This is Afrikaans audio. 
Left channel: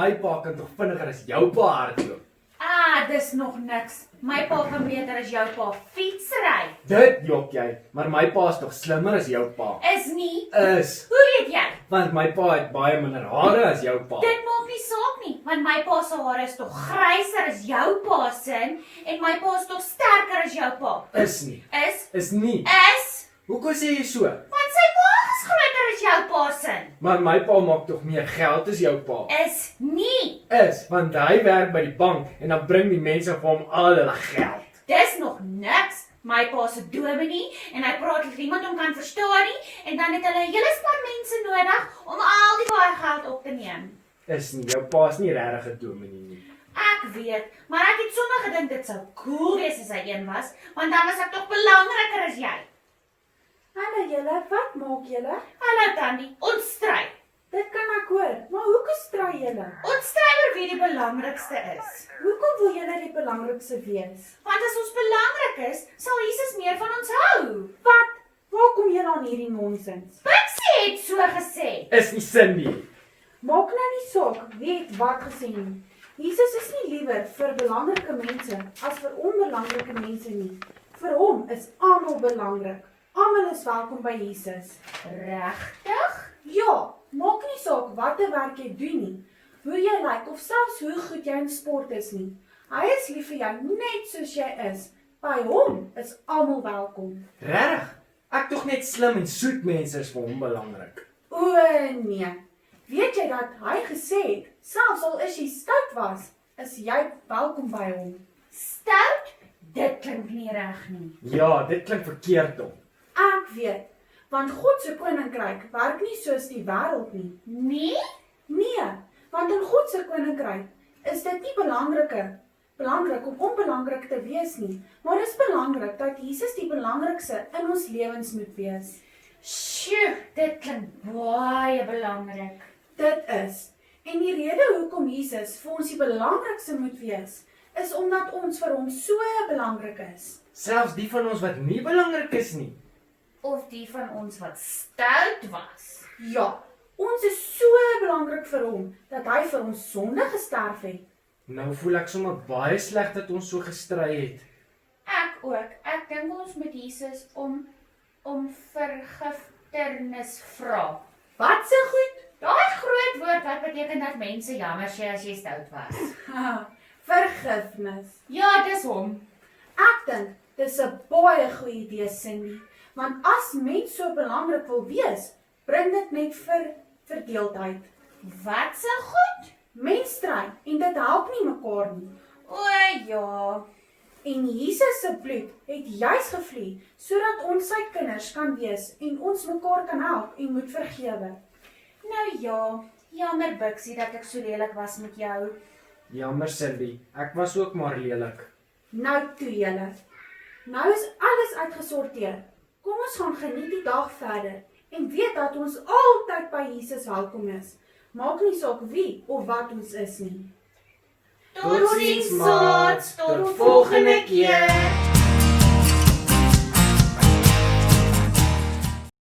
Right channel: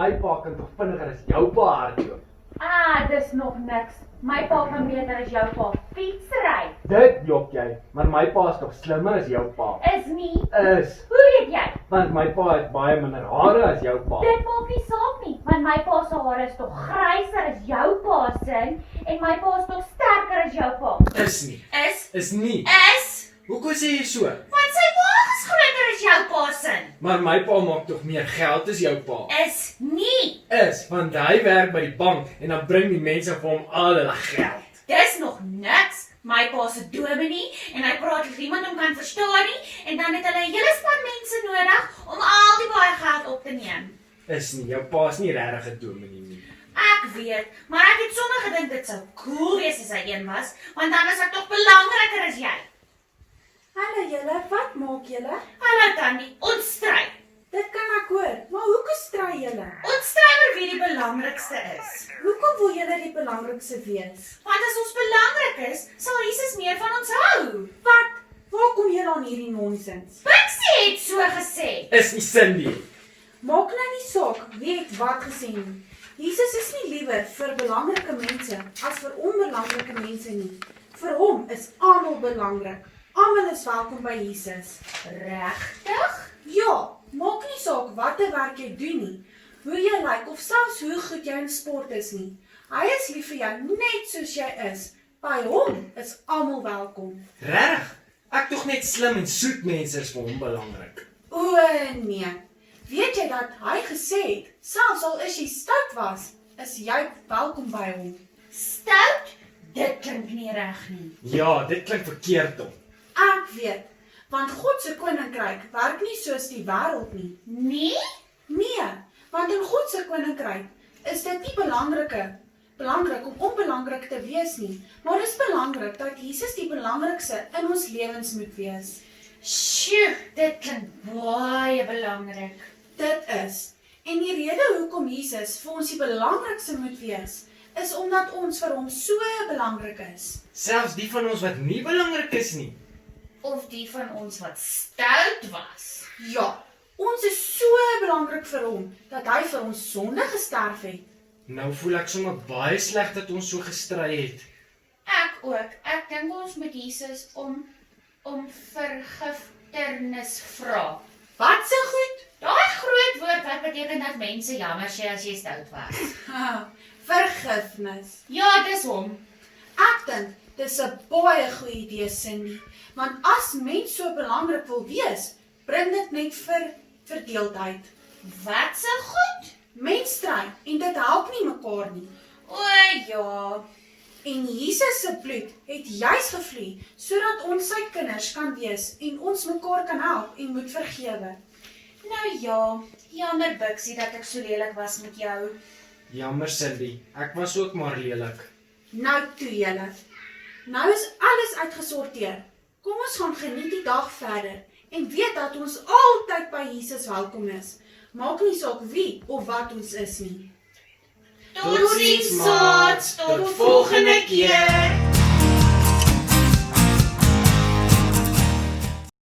my pa kan tog vinniger as jou pa hardloop. Dis nog niks. My pa kan beter as jou pa fietsry. Dit jok jy, maar my pa is tog slimmer as jou pa. Is nie. Is, Hoe weet jy? want my pa het baie minder hare as jou pa. Dit maak nie saak nie, want my pa se hare is tog gryser as jou pa se en my pa is tog sterker as jou pa. Is nie. Is nie. Hoekom sê jy so? Want sy maag is groter as jou pa se. Maar my pa maak tog meer geld as jou pa. Is nie. Is, want hy werk by die bank en dan bring die mense vir hom al hulle geld. Dis nog niks. My pa se dominee en hy praat as iemand hom kan verstaan nie en dan het hulle 'n hele span mense nodig om al die baie geld op te neem. Is nie, jou pa is nie regtig 'n dominee nie. Ek weet, maar ek het sommer gedink dit sou cool wees as hy een was, want dan is ek tog belangriker as jy. Hallo julle, wat maak julle? Hallo Tannie, ons stry. Dit kan ek hoor, maar hoekom stry julle? Ons stry oor wie die belangrikste is. Hoekom wil julle die belangrikste wees? Want as ons belangrik is, sal Jesus meer van ons hou. Wat? Waar kom julle aan hierdie nonsens? Pixie het so gesê. Is nie Cindy. Maak nou nie saak wie het wat gesê nie. Jesus is nie liewer vir belangrike mense as vir onbelangrike mense nie. Vir hom is almal belangrik. Almal is welkom by Jesus. Regtig? Ja, maak nie saak watter werk jy doen nie, hoe jy lyk of selfs hoe goed jy in sport is nie. Hy is lief vir jou net soos jy is. By hom is almal welkom. Reg? Ek tog net slim en soet mense is vir hom belangrik. O nee, weet jy dat hy gesê het, selfs al is jy stout was, is jy welkom by hom. Stout? Dit klink nie reg nie. Ja, dit klink verkeerd om. Ek weet, want God se koninkryk werk nie soos die wêreld nie. Nee? Nee, want in God se koninkryk is dit nie belangrik om onbelangrik te wees nie, maar dit is belangrik dat Jesus die belangrikste in ons lewens moet wees. Sjoe, dit klink baie belangrik. Dit is. En die rede hoekom Jesus vir ons die belangrikste moet wees, is omdat ons vir hom so belangrik is. Selfs die van ons wat nie belangrik is nie. Of die van ons wat stout was. Ja, ons is so belangrik vir hom, dat hy vir ons sonde gesterf het. Nou voel ek sommer baie sleg dat ons so gestry het. Ek ook. Ek dink ons moet Jesus om vergifnis vra. Wat se goed? Daai groot woord wat beteken dat mense jammer sê as jy stout was. Vergifnis. Ja, dis hom. Ek dink, dis 'n baie goeie idee, Cindy. Want as mens so belangrik wil wees, bring dit net vir verdeeldheid. Wat se goed? Mens stry en dit help nie mekaar nie. O ja. En Jesus se bloed het juis gevloei, sodat ons sy kinders kan wees en ons mekaar kan help en moet vergewe. Nou ja, jammer Bixie dat ek so lelik was met jou. Jammer Cindy, ek was ook maar lelik. Nou toe julle. Nou is alles uitgesorteer. Kom ons gaan geniet die dag verder en weet dat ons altyd by Jesus welkom is. Maak nie saak wie of wat ons is nie. Totsiens, maat. Tot volgende keer.